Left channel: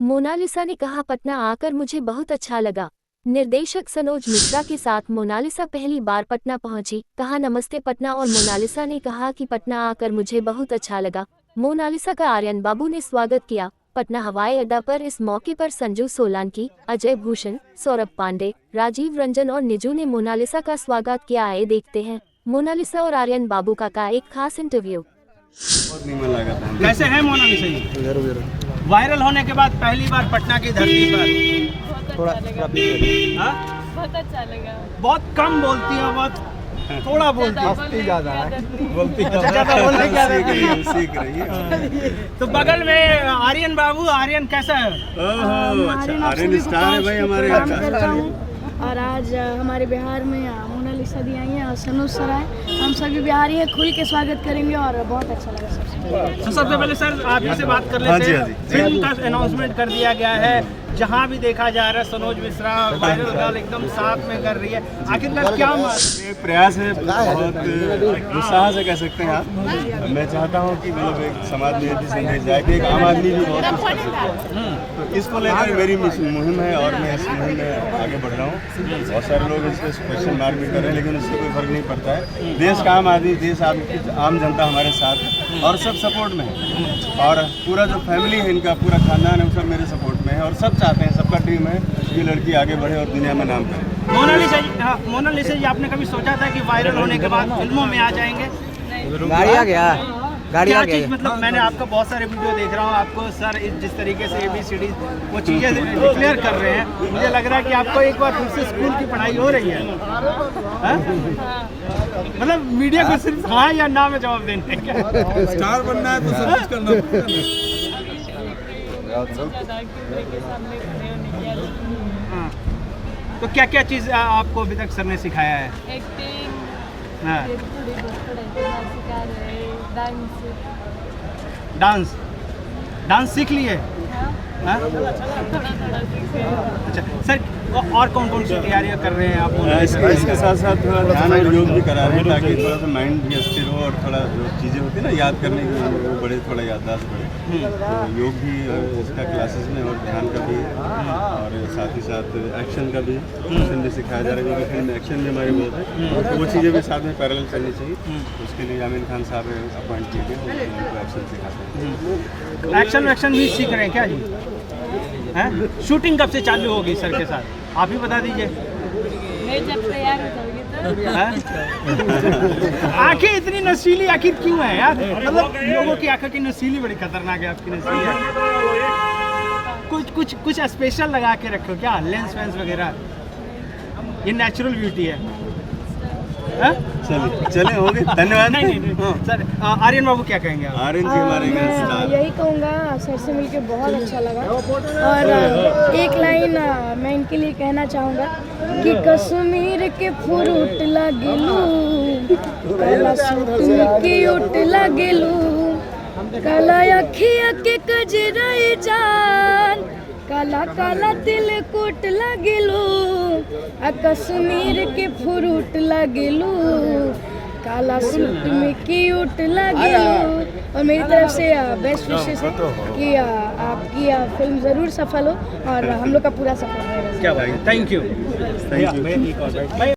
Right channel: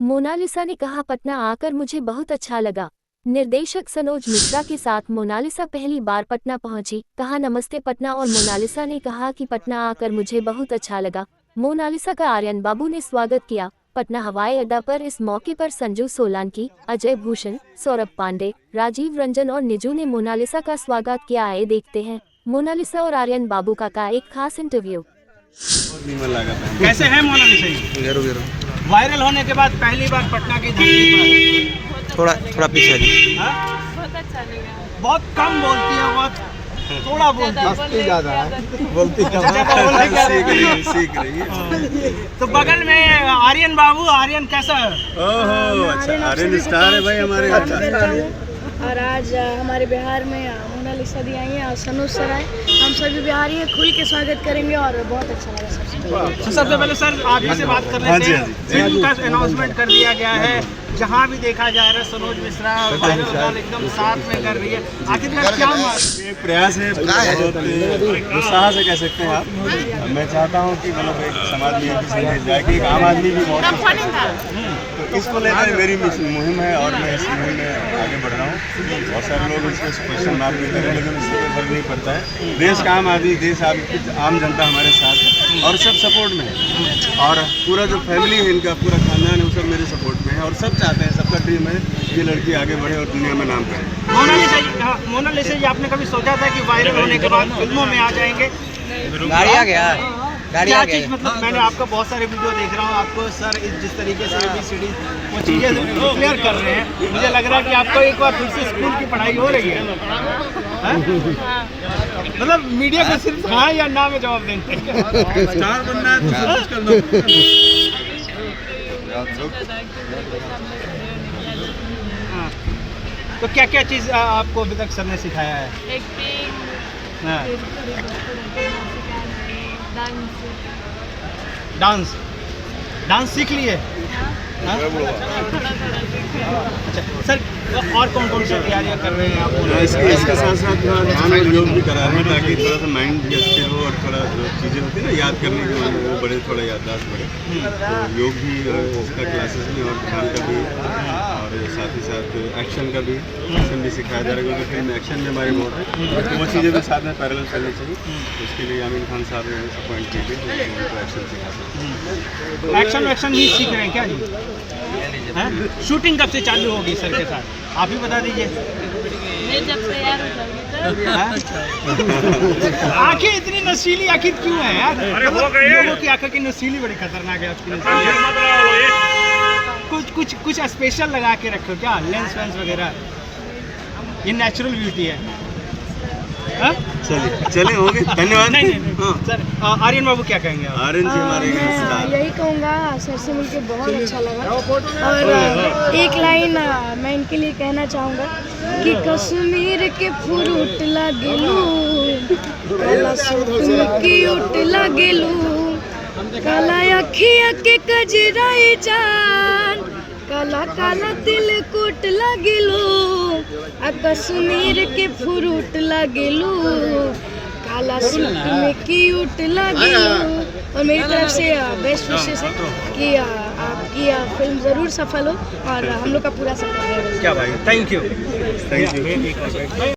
Mona Lisa ने कहा, पटना आकर मुझे बहुत अच्छा लगा। निर्देशक सनोज मिश्रा के साथ मोनालिसा पहली बार पटना पहुंची। कहा, नमस्ते पटना। और मोनालिसा ने कहा कि पटना आकर मुझे बहुत अच्छा लगा। मोनालिसा का आर्यन बाबू ने स्वागत किया। पटना हवाई अड्डा पर इस मौके पर संजू सोलांकी, अजय भूषण, सौरभ पांडे, राजीव रंजन और निजू ने मोनालिसा का स्वागत किया। आए देखते हैं मोनालिसा और आर्यन बाबू का एक खास इंटरव्यू। कैसे हैं मोनालिसा जी? वायरल होने के बाद पहली बार पटना की धरती पर थोड़ा पीछे जी। बहुत अच्छा लगा। बहुत कम बोलती है, बहुत थोड़ा बोलती है, ज़्यादा सीख रही है। तो बगल में आर्यन बाबू, आर्यन कैसा है? अच्छा, आर्यन स्टार है भाई हमारे यहाँ। और आज हमारे बिहार में मोनालिसा दी आई है और सनोज सर आए। हम सभी बिहारी हैं, खुल के स्वागत करेंगे और बहुत अच्छा लगेगा। तो सबसे पहले सर आप ही से बात कर लेते हैं। फिल्म का अनाउंसमेंट कर दिया गया है, जहाँ भी देखा जा रहा है सनोज मिश्रा वायरल गाल एकदम साथ में कर रही है। आखिरकार क्या प्रयास है, बहुत उत्साह से कह सकते हैं आप। मैं चाहता हूँ कि मतलब एक समाज में ऐसी संदेश जाए कि एक आम आदमी भी बहुत कुछ कर सकता है। तो इसको लेकर मेरी मुहिम है और मैं इस मुहिम में आगे बढ़ रहा हूँ। बहुत सारे लोग इसको क्वेश्चन मार्क भी करें, लेकिन इससे कोई फर्क नहीं पड़ता है। देश का आम आदमी, देश आम जनता हमारे साथ है और सब सपोर्ट में है। और पूरा जो फैमिली है इनका, पूरा खानदान है, वो सब मेरे सपोर्ट में है और सब चाहते हैं, सबका ड्रीम है ये लड़की आगे बढ़े और दुनिया में नाम करे। मोनालिसा जी, आपने कभी सोचा था कि वायरल होने के बाद फिल्मों में आ जाएंगे? गाड़ी आ गया, गाड़ी आ गई। मतलब मैंने आपका बहुत सारे वीडियो देख रहा हूँ, आपको सर जिस तरीके से ABCD वो चीज़ें क्लियर कर रहे हैं, मुझे लग रहा है कि आपको एक बार फिर से स्कूल की पढ़ाई हो रही है। मतलब मीडिया को सिर्फ हाँ या ना में जवाब देने का। स्टार बनना है तो सब कुछ करना। हाँ, तो क्या क्या चीज़ आपको अभी तक सर ने सिखाया है? एक्टिंग, हाँ। डांस डांस सीख लिए? हाँ? अच्छा सर, और कौन कौन सी तैयारियां कर रहे हैं आप? इसके साथ साथ थोड़ा ध्यान और योग भी करा रहे हैं ताकि थोड़ा सा माइंड भी स्थिर हो और थोड़ा जो चीज़ें होती है ना याद करने की, वो बड़े थोड़ा याददाश्त बढ़े। तो योग भी इसका क्लासेस में और ध्यान का भी और साथ ही साथ एक्शन का भी, एक्शन भी सिखाया जा रहा है क्योंकि फिल्म एक्शन भी हमारी बहुत है। तो वो चीज़ें भी साथ में पैरेलल चलनी चाहिए। उसके लिए यामीन खान साहब ने अपॉइंट किए थे, उनको एक्शन सिखाते हैं। एक्शन भी सीख रहे हैं क्या जी? हैं? शूटिंग कब से चालू होगी सर के साथ, आप ही बता दीजिए। मैं जब तैयार हो जाऊंगी तो। आंखें इतनी नशीली आखिर क्यों है यार? लोगों की आंखें की नशीली बड़ी खतरनाक है आपकी नशीली। कुछ स्पेशल लगा के रखो क्या, लेंस वेंस वगैरह? ये नेचुरल ब्यूटी है। चलिए हो गए, धन्यवाद। नहीं सर, आर्यन बाबू क्या कहेंगे आप? आर्यन जी हमारे स्टार। यही कहूँगा, सर से मिलकर बहुत अच्छा लगा। और एक लाइन मैं इनके लिए कहना चाहूँगा कि कश्मीर के फ्रूट लागेलू, काला सूट की उठ लागेलू, काला अखिया के कजराई जान, काला काला दिल कुट लागेलू, आ कश्मीर के फ्रूट लागेलू, काला सूट में क्यूट लागेलू। और मेरी तरफ से बेस्ट विशेष है कि आपकी फिल्म ज़रूर सफल हो और हम लोग का पूरा सफल रहे। क्या भाई, थैंक यू।